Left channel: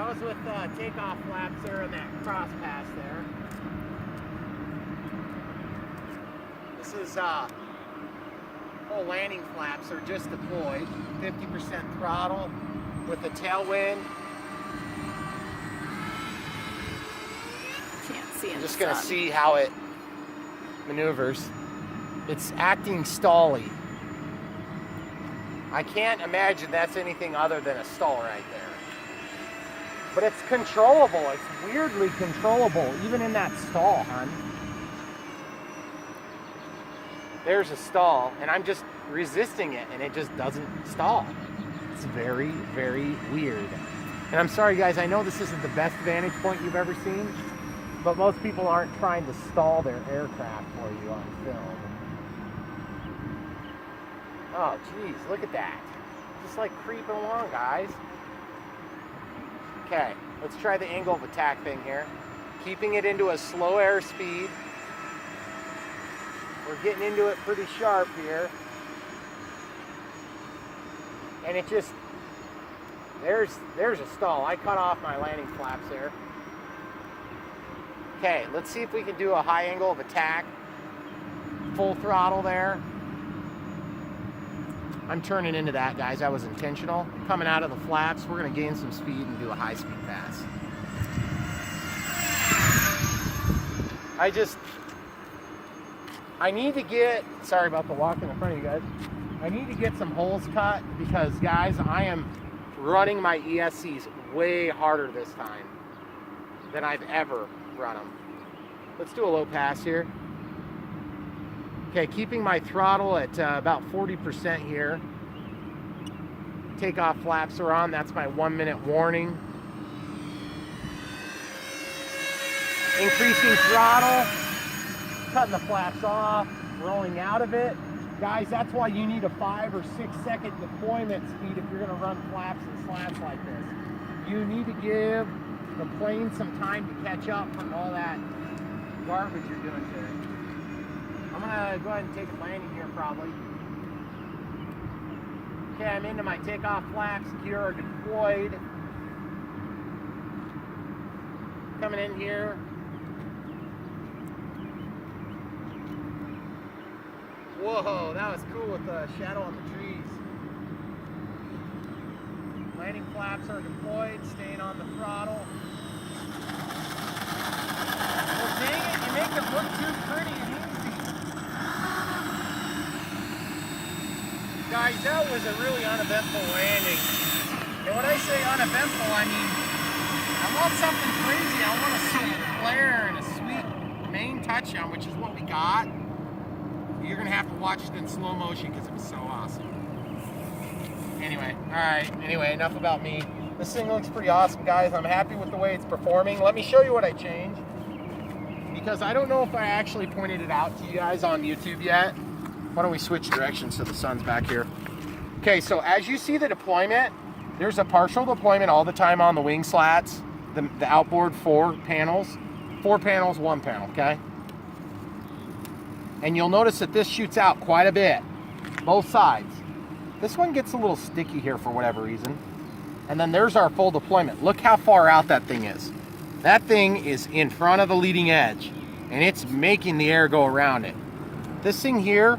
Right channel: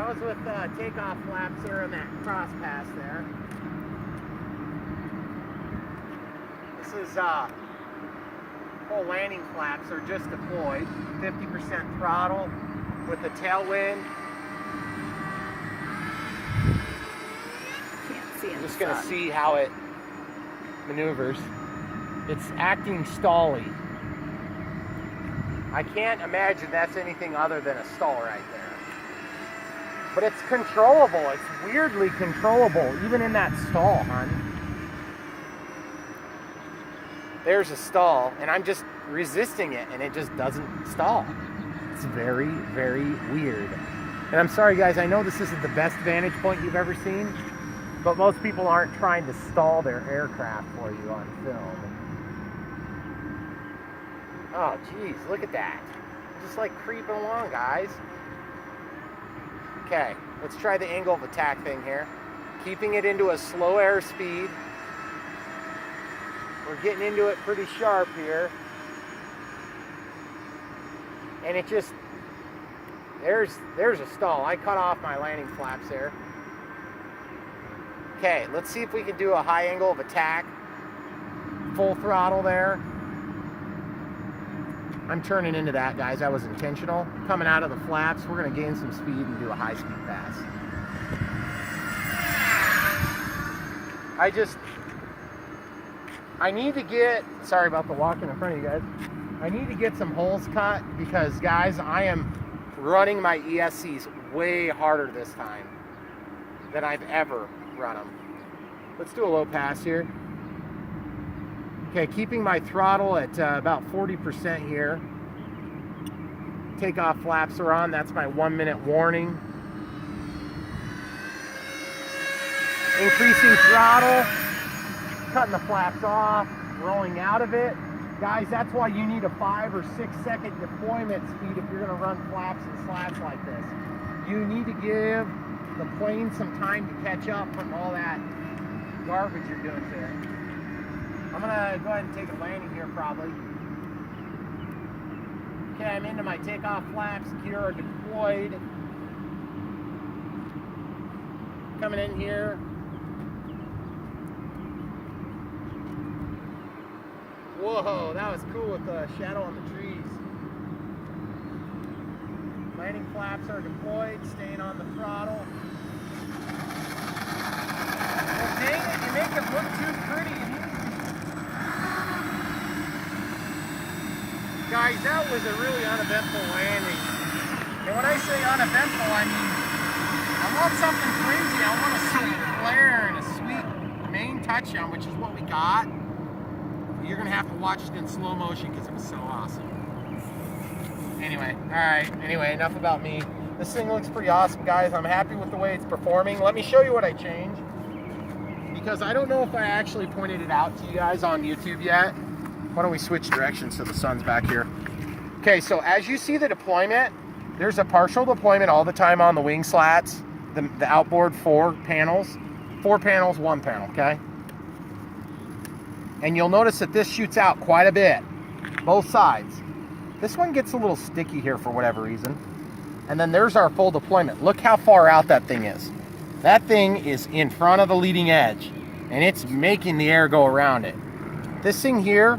That was with takeoff flaps there and that cross pass there. This is full landing flaps are just deployed. 50% throttle with the tailwind. Can't see in I'm the just going to sun. see how it maneuvers. It's acting stally. I can't imagine that's anything other than a stall right there. But it's controllable. It's weirdly controllable, even in that stall, hon. There's a stall, and I'm just resisting it, and it just doesn't stall. It's very, very weird. And I'm sorry, guys, I know this isn't the best vantage point you've ever seen, but most people aren't trying to stall their aircraft for you on film. Oh, geez, look at that. Just like creeping along, guys. Okay, let's try the angle of attack thing here. Keeping it into a slow airspeed. We're getting into it pretty sharp here. And it just, there's a stall. I cut off my landing flaps there. Okay, let's see if we can do a high angle of attack. Full throttle there. I'm turning into that, guys. That was intentional. Coming out of the flaps, we're going to gain some speed and do a high-speed pass. I need to get, sorry about the walk in front of you guys. I need to get some holes cut because, guys, I am running my ESCs way harder this time than I've ever run them. Let's do a low pass here. Okay, keeping my throttle at about 40% here. Takeoff flaps are on. That's my 1 minute warning. Increasing throttle. Cutting the flaps off. Rolling out of it. Guys, that's why you need a 5 or 6 second deployment speed if you're going to run flaps and slats like this. You need to give the plane some time to catch up from all that garbage you're doing to it. I'm gonna go ahead and take a landing here probably. Okay, I'm into my takeoff flaps, gear are deployed. Coming in here. Whoa, that was cool with the shadow on the trees. Landing flaps are deployed, staying on the throttle. Well, dang it, you make it look too pretty. Guys, that was a really uneventful landing. And when I say uneventful, I mean, I want something crazy. I want a sweet flare and a sweet main touchdown, which is what we got. You're gonna have to watch it in slow motion because it was so awesome. Anyway, all right, anyway, enough about me. This thing looks pretty awesome, guys. I'm happy with the way it's performing. Let me show you what I changed, because I don't know if I actually pointed it out to you guys on YouTube yet. Why don't we switch directions so the sun's back here? Okay, so as you see the deployment, there's a partial deployment all the time on the wing slats, the outboard 4 panels. 4 panels, 1 panel, okay? And you'll notice that this shoots out quite a bit, both sides. This one gets a little sticky here for whatever reason. And then there's our full deployment. Look how far out that thing is. That thing is in front of the leading edge, and it's making the air go around it. This thing here,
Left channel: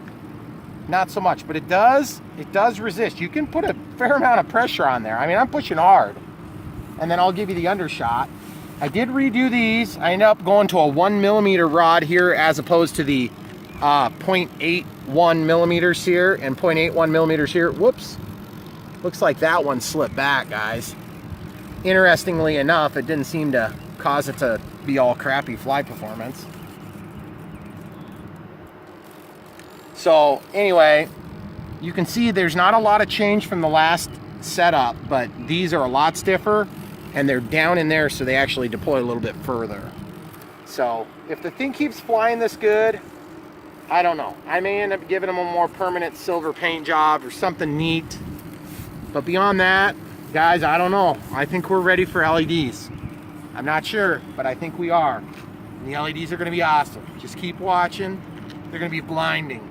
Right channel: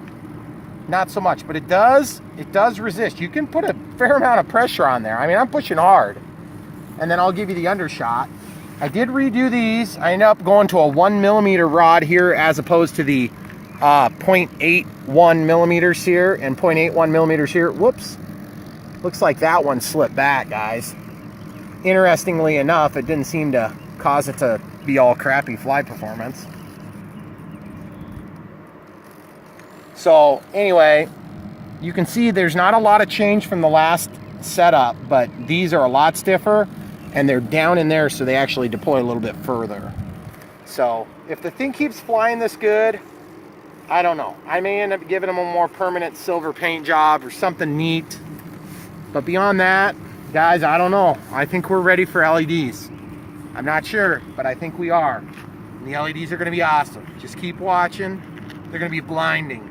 not so much, but it does resist. You can put a fair amount of pressure on there. I mean, I'm pushing hard. And then I'll give you the undershot. I did redo these. I ended up going to a 1 millimeter rod here as opposed to the 0.81 millimeters here and 0.81 millimeters here. Whoops. Looks like that one slipped back, guys. Interestingly enough, it didn't seem to cause it to be all crappy flight performance. So anyway, you can see there's not a lot of change from the last setup, but these are a lot stiffer and they're down in there, so they actually deploy a little bit further. So if the thing keeps flying this good, I don't know. I may end up giving them a more permanent silver paint job or something neat. But beyond that, guys, I don't know. I think we're ready for LEDs. I'm not sure, but I think we are. And the LEDs are going to be awesome. Just keep watching. They're going to be blinding.